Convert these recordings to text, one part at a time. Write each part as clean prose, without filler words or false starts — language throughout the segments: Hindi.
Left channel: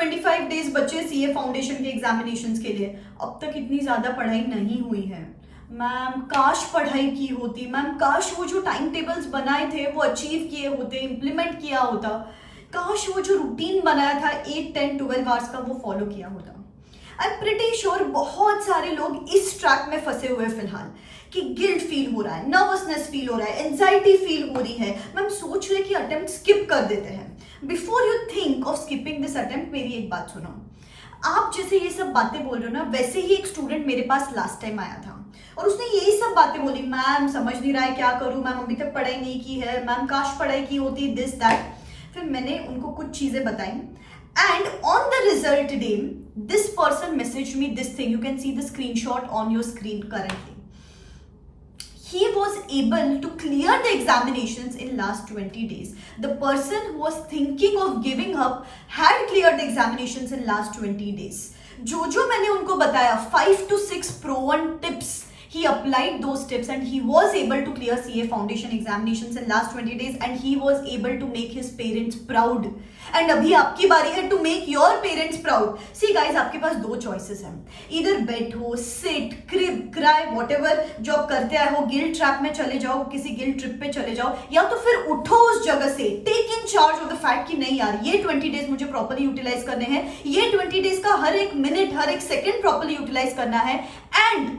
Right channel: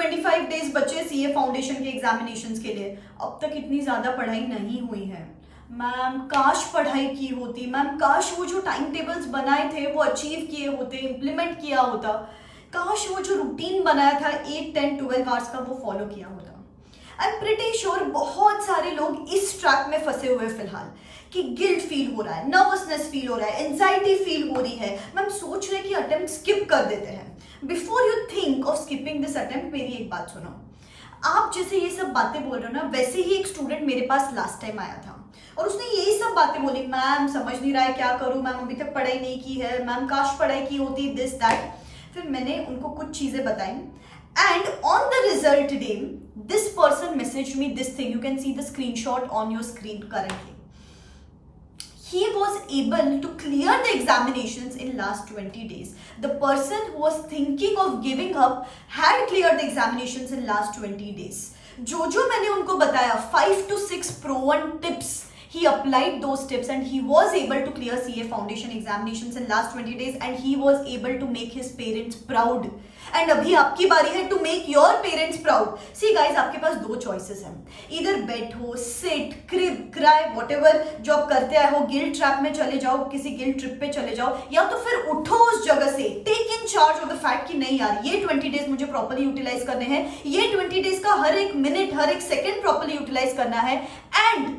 25 डेज बचे सीए फाउंडेशन के एग्जामिनेशंस के लिए, अब तक इतनी ज्यादा पढ़ाई नहीं हुई है। मैम काश पढ़ाई की होती, मैम काश वो जो टाइम टेबल्स बनाए थे वो अचीव किए होते, इम्प्लीमेंट किया होता, काश वो जो रूटीन बनाया था 8, 10, 12 आवर्स का वो फॉलो किया होता। आई एम प्रिटी श्योर बहुत सारे लोग इस ट्रैप में फंसे हुए फिलहाल कि गिल्ट फील हो रहा है, नर्वसनेस फील हो रहा है, एंजाइटी फील हो रही है, मैम सोच रहे कि अटेम्प्ट स्किप कर देते हैं। Before you think of skipping this attempt, मेरी एक बात सुनो। आप जैसे ये सब बातें बोल रहे हो ना, वैसे ही एक स्टूडेंट मेरे पास लास्ट टाइम आया था और उसने यही सब बातें बोली, मैम समझ नहीं रहा है क्या करूं, मैम अभी तक पढ़ाई नहीं की है, मैम काश पढ़ाई की होती, दिस दैट। फिर मैंने उनको कुछ चीजें बताई and on the result day this person messaged me this thing. You can see the screenshot on your screen currently. He was able to clear the examinations in last 20 days. The person who was thinking of giving up had cleared the examinations in last 20 days. जो मैंने उनको बताया 5 to 6 proven tips, he applied those tips and he was able to clear CA foundation examinations in last 20 days and he was able to make his parents proud. And अभी आपकी बारी है to make your parents proud. See guys, आपके पास दो choices हैं, either बैठो, sit, crib, cry, whatever जो आप करते आए हो, गिल्ट ट्रैप में चले जाओ, किसी गिल्ट ट्रिप पे चले जाओ, या तो फिर उठो उस जगह से, take in charge of the fact कि नहीं यार ये 20 डेज मुझे प्रॉपर्ली यूटिलाइज करने हैं, ये 20 डेज का हर एक मिनट हर एक सेकेंड प्रॉपर्ली यूटिलाइज करना है, and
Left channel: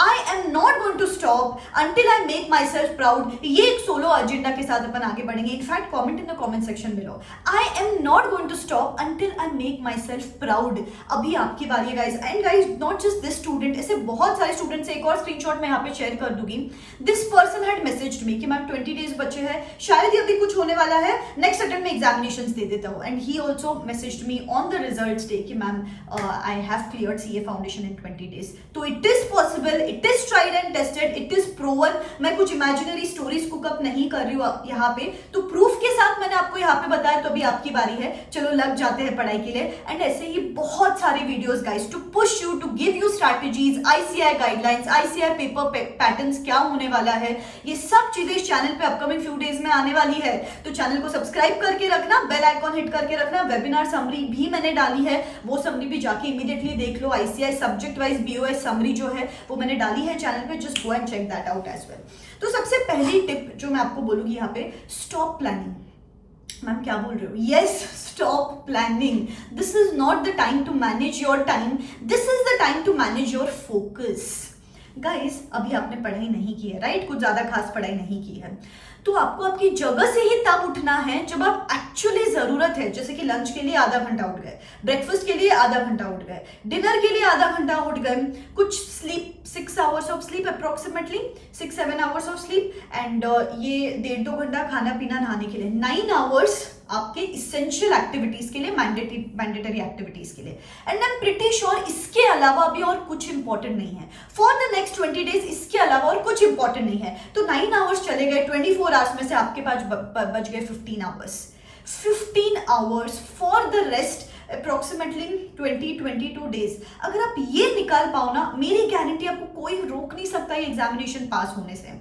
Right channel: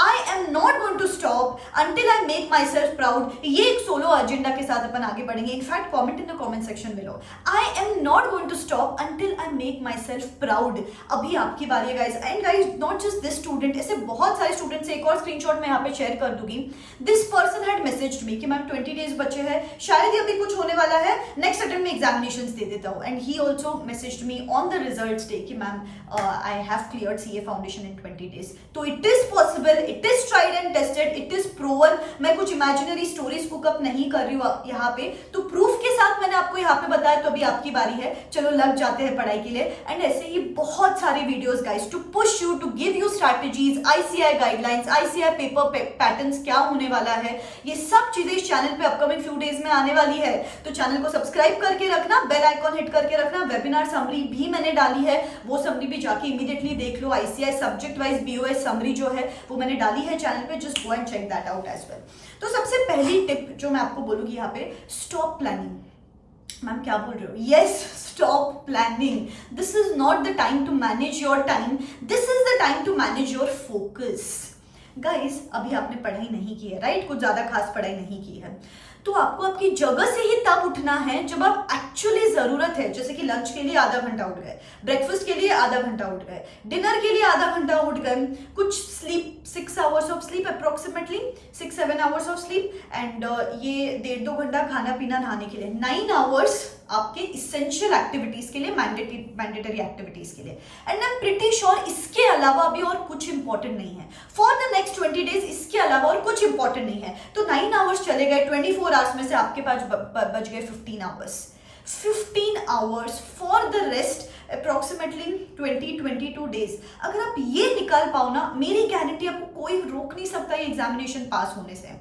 I am not going to stop until I make myself proud. ये एक सोलो एजेंडा के साथ अपन आगे बढ़ेंगे. In fact comment in the comment section below. I am not going to stop until I make myself proud. अभी आपकी बारी है guys. And guys not just this student, ऐसे बहुत सारे स्टूडेंट्स, एक और स्क्रीनशॉट मैं यहाँ पे शेयर कर दूंगी. This person had messaged me कि मैम 20 डेज बचे हैं, शायद ही अभी कुछ होने वाला है, नेक्स्ट अटेम्प्ट में एग्जामिनेशंस दे देता हूँ. And he also messaged me on the results day कि ma'am I have cleared CA foundation in 20 days. तो it is possible, it is tried and tested, it is proven. मैं कुछ इमेजिनरी स्टोरीज कुकअप नहीं कर रही हूँ यहाँ पे, तो प्रूफ के साथ मैंने आपको यहाँ पे बताया. तो अभी आपकी बारी है, चलो लग जाते हैं पढ़ाई के लिए. एंड ऐसे ही बहुत सारे videos guys to push you, to give you strategies, ICI guidelines, ICI paper patterns क्या होने वाला है, ये सब चीजें इस चैनल पे अपकमिंग फ्यू डेज में आने वाली है. तो चैनल को सब्सक्राइब करके रखना, बेल आइकॉन हिट करके रखना. वेबिनार समरी भी मैंने डाली है, वो समरी भी जाके इमीडिएटली देख लो. ICI subject wise BOS summary जो है वो मैंने डाली है चैनल पे, just go and check that out as well. तो सबसे पहली टिप जो मैं आपको बोलूंगी यहाँ पे, स्टॉप प्लानिंग. मैम क्या बोल रहे हो? Yes, stop planning. This is not the time to manage your time, this is the time to manage your focus. Guys अभी आपने पढ़ाई नहीं की है, राइट? कुछ ज्यादा खास पढ़ाई नहीं की है, तो आपको आपकी जगह से ही तब उठना है जब आप एक्चुअली जरूरत है. जैसे कि लंच के लिए आधा घंटा उठ गए, ब्रेकफास्ट के लिए आधा घंटा उठ गए, डिनर के लिए आधा घंटा उठ गए, कुछ sleep 6 hours of sleep, approximately 6-7 hours of sleep, and ये 1.5-2 घंटा खाना पीना नहाने के लिए, 9 आवर्स आपके इसेंशियल एक्टिविटीज के लिए, मैंडेटरी एक्टिविटीज के लिए. And I am pretty sure इसके अलावा अभी और कुछ इंपॉर्टेंट नहीं है फॉर द नेक्स्ट 20 डेज. इसके अलावा और कुछ इंपॉर्टेंट नहीं है. तो 9 आवर्स चले गए, 24 आवर्स में से आपके पास बच गए 15 hours. 15 hours for the rest approximately 20-22 days. अगर आप ये निकाल पाओ ना, मेरी गारंटी आपको कोई रोक नहीं सकता ये एग्जामिनेशन पास होने से.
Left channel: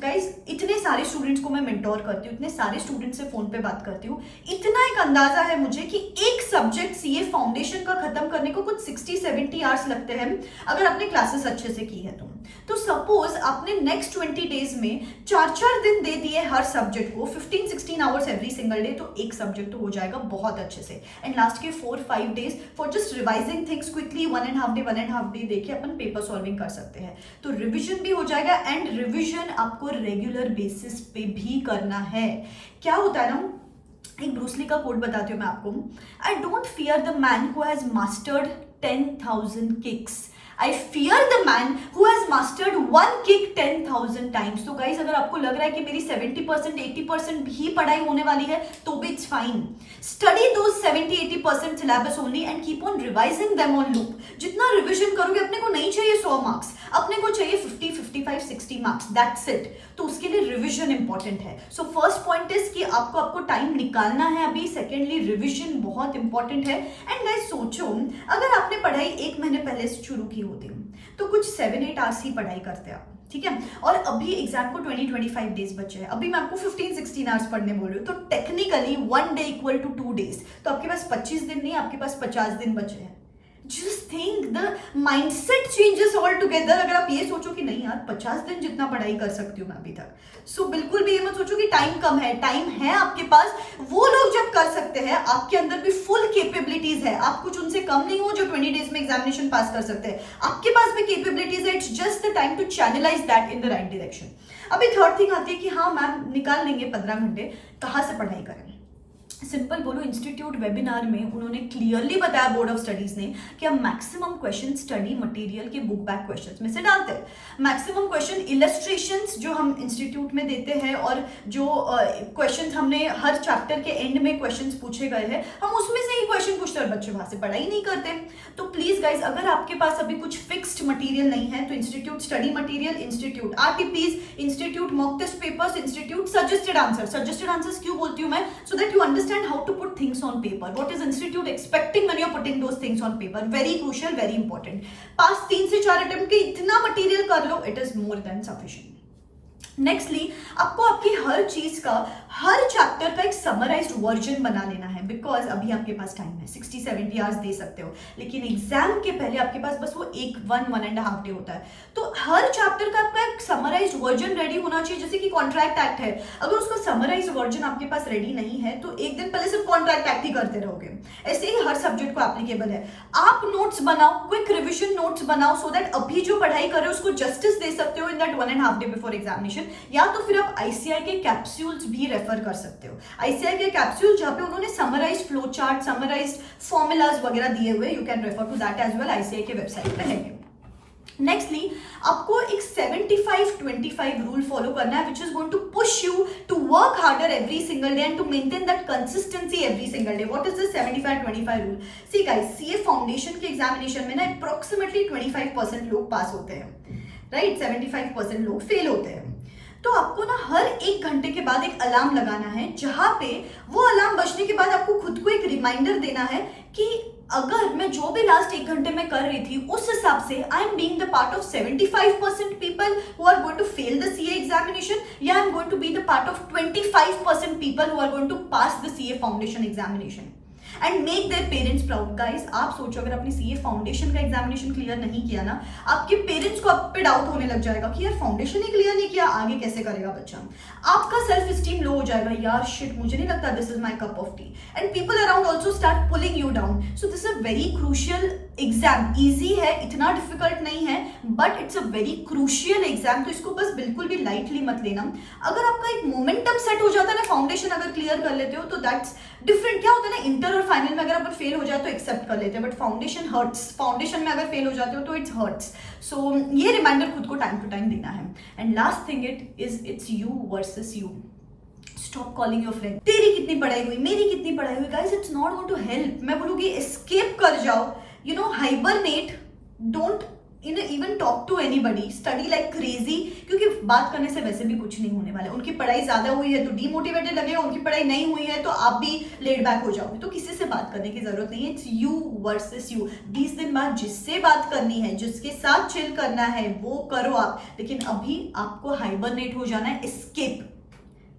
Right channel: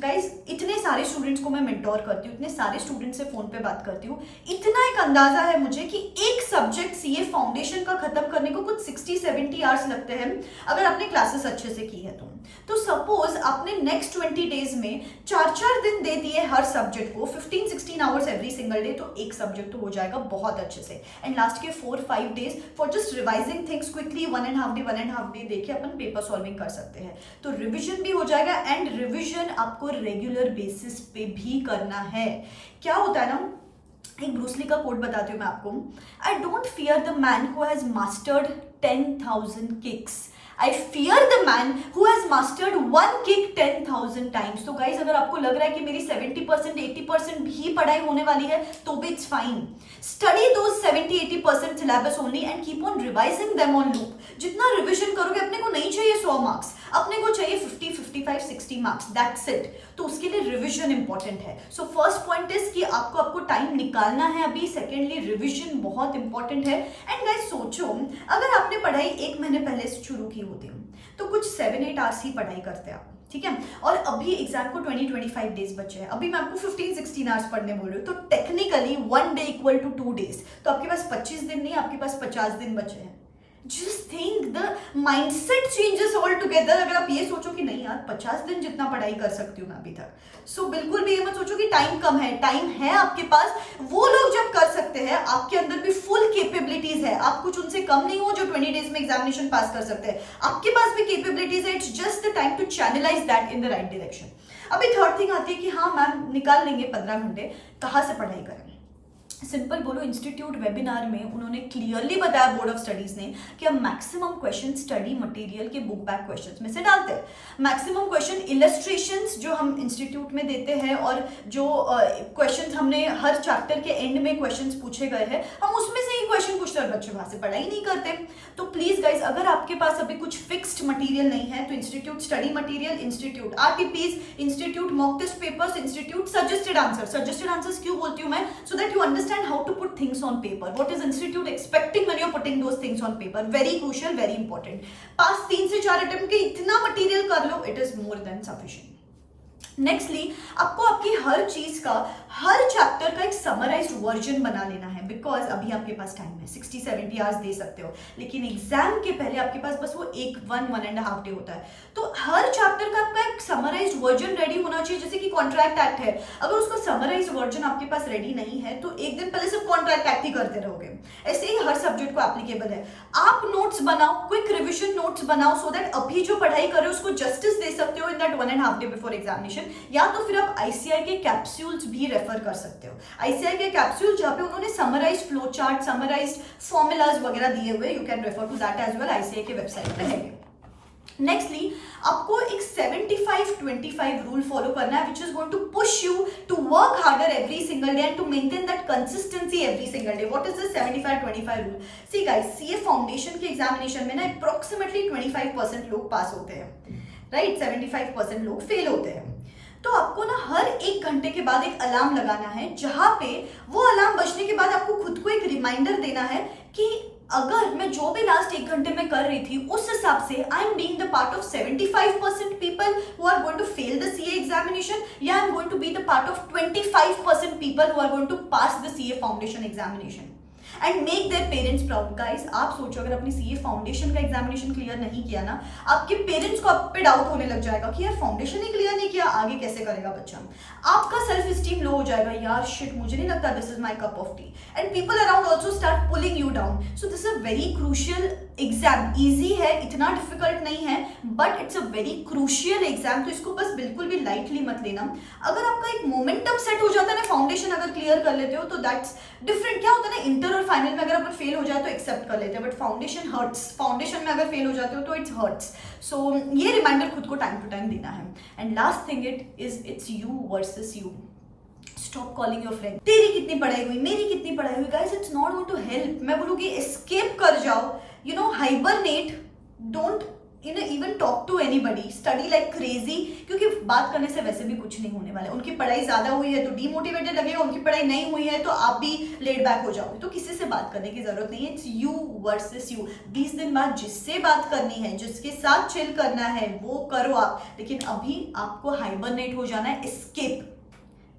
गाइज इतने सारे स्टूडेंट्स को मैं मेंटोर करती हूँ, इतने सारे स्टूडेंट्स से फोन पे बात करती हूँ, इतना एक अंदाजा है मुझे कि एक सब्जेक्ट सीए फाउंडेशन का खत्म करने को कुछ 60-70 आवर्स लगते हैं अगर आपने क्लासेस अच्छे से की है तो सपोज आपने नेक्स्ट 20 डेज में 4-4 दिन दे दिए हर सब्जेक्ट को, 15-16 आवर्स एवरी सिंगल डे, तो एक सब्जेक्ट हो जाएगा बहुत अच्छे से. एंड लास्ट के 4-5 days for just revising things quickly, 1.5 day देके अपन पेपर सॉल्विंग कर सकते हैं. तो रिविजन भी हो जाएगा, एंड रिविजन आपको रेगुलर बेसिस पे भी करना है. क्या होता है ना, एक ब्रूसली का कोट बताती हूँ मैं आपको. I don't fear the man who has mastered 10,000 kicks, I fear the man who has mastered one kick 10,000 times. तो guys अगर आपको लग रहा है कि मेरी 70% 80% ही पढ़ाई होने वाली है तो भी it's fine. Study those 70-80% syllabus only and keep on revising them on loop. जितना रिविजन करोगे, अपने को नहीं चाहिए 100 मार्क्स, अपने को चाहिए 50, 55, 60 मार्क्स, that's it. तो उसके लिए रिविजन इंपॉर्टेंट है. सो फर्स्ट पॉइंट इज कि आपको टाइम निकालना है अभी. सेकेंडली रिविजन बहुत इंपॉर्टेंट है. एंड गाइस सोचो, अगर आपने पढ़ाई 1 महीने पहले से शुरू की होती, तो कुछ 7-8 आवर्स ही पढ़ाई करते हैं आप, ठीक है। और अभी एग्जाम को 20-25 डेज बचे हैं, अभी मैं आपको 15-16 आवर्स पढ़ने बोल रही हूँ, तो technically 1 day equal to 2 days, तो आपके पास 25 दिन नहीं, आपके पास 50 दिन बचे हैं। Just think the mindset changes all together. अगर आप ये सोचो कि नहीं यार 50 दिन जितना पढ़ाई कर सकती हूँ मैं अभी तक, सो बिल्कुल भी ये मत सोचो कि टाइम कम है, टाइम है आपके पास। वो लोग जब कर सकते हैं, आपके अंदर भी फुल कैपेबिलिटीज है, आप कुछ उनसे कम नहीं हो जो 20 डेज में एग्जामिनेशन पास कर सकते हैं, आपके पास भी कैपेबिलिटीज है। It's just the time to channelize that in the right direction. अभी थर्ड थिंग आती है कि हाँ मैम निकाल लेंगे 15 घंटे, कहाँ से पढ़ाई करें? सिंपल बोलो, इंस्टीट्यूट वेबिनार में उन्होंने क्लियरली बताया, बोर्ड ऑफ स्टडीज ने, कि हम मैक्सिमम क्वेश्चन स्टडी मटेरियल के बुक बैक क्वेश्चंस में से डालते हैं। मैक्सिमम क्वेश्चन इलस्ट्रेशंस जो हम इंस्टीट्यूट में देते हैं और जो क्वेश्चंस हमने हर चैप्टर के एंड में क्वेश्चंस पूछे गए हैं, हम उसमें से ही क्वेश्चन पूछते हैं और बच्चे वहां से पढ़ाई नहीं करते। तो प्लीज गाइज, अगर आपके पास अभी कुछ फिक्स्ड मटेरियल नहीं है तो institute study material, institute RTPs, institute mock test papers, institute suggested answers क्यों बोलती हूँ मैं? So that you understand how to put things on paper. What is institute expecting when you're putting those things on paper? Very crucial, very important. पास 3 से 4 अटेम्प्ट के इतना मटेरियल कर लो, it is more than sufficient. Nextly, आपको आपकी हर चीज का, हर चैप्टर का एक समराइज्ड वर्जन बना लेना है, बिकॉज अभी आपके पास टाइम है, 60-70 आवर्स दे सकते हो, लेकिन एग्जाम के पहले आपके पास बस वो 1-1.5 डे होता है। तो हर चैप्टर का आपका एक समराइज्ड वर्जन रेडी होना चाहिए। जैसे कि कॉन्ट्रैक्ट एक्ट है, अगर उसका समराइज्ड वर्जन आपके पास रेडी नहीं है तो एक दिन पहले सिर्फ कॉन्ट्रैक्ट एक्ट ही करते रहोगे। ऐसे ही हर सब्जेक्ट को एप्लीकेबल है। आप नोट्स बनाओ, क्विक रिविजन नोट्स बनाओ, सो दैट अभी जो पढ़ाई कर रहे हो उसको जस्टिस दे सकते हो in that 1.5 day before examination. या तो फिर आप आईसीआई के कैप्सूल्स भी रेफर कर सकते हो। आईसीआई के कैप्सूल जहां पे उन्होंने summarized flow chart, summarized formulas वगैरह दिए हुए, you can refer to that as well, ICI के वेबसाइट पे है। नेक्स्टली, आपको एक 75-25 रूल फॉलो करना है, which is going to push you to work harder every single day and to maintain that consistency every single day. What is this 75-25 rule? See guys, CA foundation के एग्जामिनेशन में ना अप्रोक्सीमेटली 25% लोग पास होते हैं, राइट? 75% लोग फेल होते हैं। तो आपको ना हर 1 घंटे के बाद एक अलार्म लगाना है, जहां पे वो अलार्म बजने के बाद आपको खुद को एक रिमाइंडर देना है कि अगर मैं जो भी लास्ट 1 घंटे में कर रही थी उस हिसाब से I am being the part of 75% people who are going to fail the CA examination, या I am going to be the part of 25% people who are going to pass the CA foundation examination and make their parents proud. Guys, आप सोचो अगर आपने सीए फाउंडेशन का एग्जामिनेशन क्लियर नहीं किया ना, आपके पेरेंट्स को आप पे डाउट होने लग जाएगा कि यार फाउंडेशन ही क्लियर नहीं किया, आगे कैसे करेगा बच्चा। आपका सेल्फ स्टीम लो हो जाएगा, यार शिट, मुझे नहीं लगता this is my cup of T, and people around also start pulling you down. So this is a very crucial exam. Easy है, इतना डिफिकल्ट नहीं है, but it's a very crucial exam, तो इसको बस बिल्कुल भी लाइटली मत लेना। अगर आपका एक मोमेंटम सेट हो जाता है ना, फाउंडेशन अगर क्लियर कर लेते हो तो दैट्स डिफरेंट। क्या होता है ना, इंटर और फाइनल में अगर अपन फेल हो जाए तो एक्सेप्ट कर लेते हैं, बट फाउंडेशन हर्ट्स। फाउंडेशन में अगर फेल हो जाते हो तो इट्स हर्ट्स। सो ये रिमाइंडर खुद को टाइम टू टाइम देना है। And last thing it's you versus you. Stop calling your friend, तेरी कितनी पढ़ाई हुई, मेरी कितनी पढ़ाई हुई। Guys, it's not going to help. मैं बोलूंगी एस्केप कर जाओ, you know, hibernate, don't even talk to anybody, study like crazy, क्योंकि बात करने से वैसे भी कुछ नहीं होने वाला है। उनकी पढ़ाई ज्यादा हुई है तो डीमोटिवेटेड लगेगा, उनकी पढ़ाई नहीं हुई है तो आप भी लेड बैक हो जाओगे। तो किसी से बात करने की जरूरत नहीं है, इट्स यू वर्सेस यू। 20 दिन बाद जिससे बात करनी है, जिसके साथ चिल करना है, वो करो आप, लेकिन अभी आपको हाइबरनेट हो जाना है, एस्केप,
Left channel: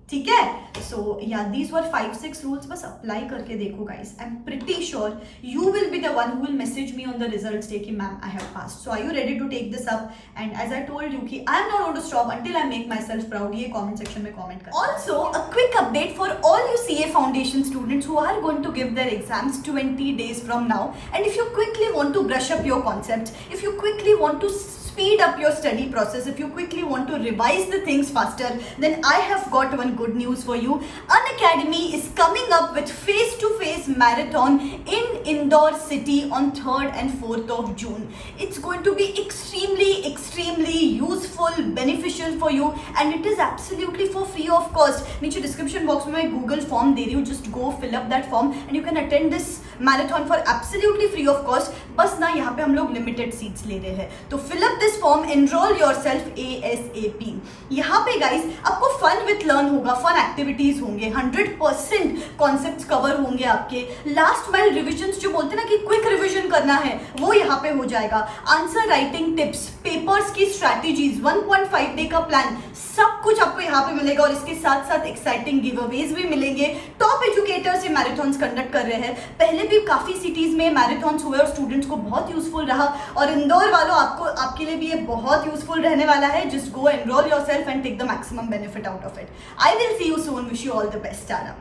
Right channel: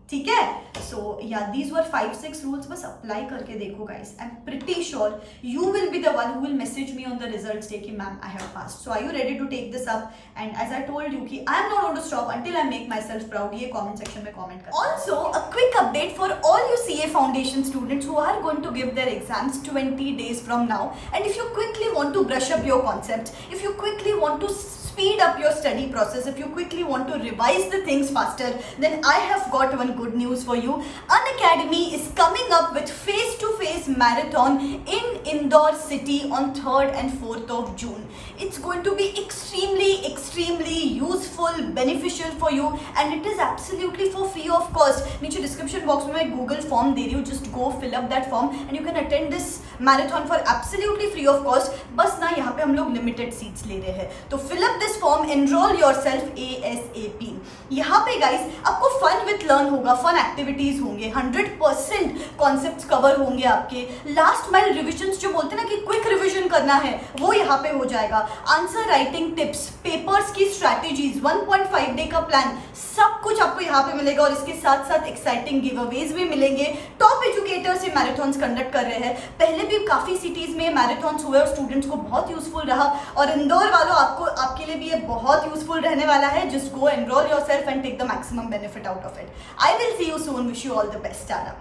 ठीक है? So yeah these were 5-6 rules, बस अप्लाई करके देखो guys. I am pretty sure you will be the one who will message me on the results day कि ma'am I have passed. So are you ready to take this up? And as I told you कि I am not going to stop until I make my self proud. ये कमेंट सेक्शन में कमेंट कर। Also a quick update for all you CA foundation students who are going to give their exams 20 days from now, and if you quickly want to brush up your concepts, if you quickly want to speed up your study process, if you quickly want to revise the things faster, then I have got one good news for you. Unacademy is coming up with face-to-face marathon in Indore city on 3rd and 4th of June. It's going to be extremely useful, beneficial for you, and it is absolutely for free of cost. नीचे description box में मैं Google form दे रही हूँ, just go fill up that form and you can attend this marathon for absolutely free of cost. बस ना यहाँ पे हम लोग limited seats ले रहे हैं, तो fill up this form, enroll yourself ASAP। यहाँ पे गाइस आपको फन विथ लर्न होगा, फन एक्टिविटीज होंगे, 100% कॉन्सेप्ट्स कवर होंगे आपके। लास्ट माइल रिविजन्स जो बोलते हैं ना कि क्विक रिविजन करना है, वो यहाँ पे हो जाएगा। आंसर राइटिंग टिप्स, पेपर्स की स्ट्रैटेजीज, 1.5 डे का प्लान, सब कुछ आपको यहाँ पे मिलेगा। और इसके साथ साथ एक्साइटिंग गिव अवेज भी मिलेंगे। टॉप एजुकेटर्स ये मैराथन्स कंडक्ट कर रहे हैं, पहले भी काफी सिटीज में मैराथन्स हुए और स्टूडेंट्स को बहुत यूजफुल रहा। और इंदौर वालों आपके लिए भी ये बहुत यूजफुल रहने वाला है। Just go enroll yourself and take the maximum benefit out of it. I will see you soon, wish you all the best Tata.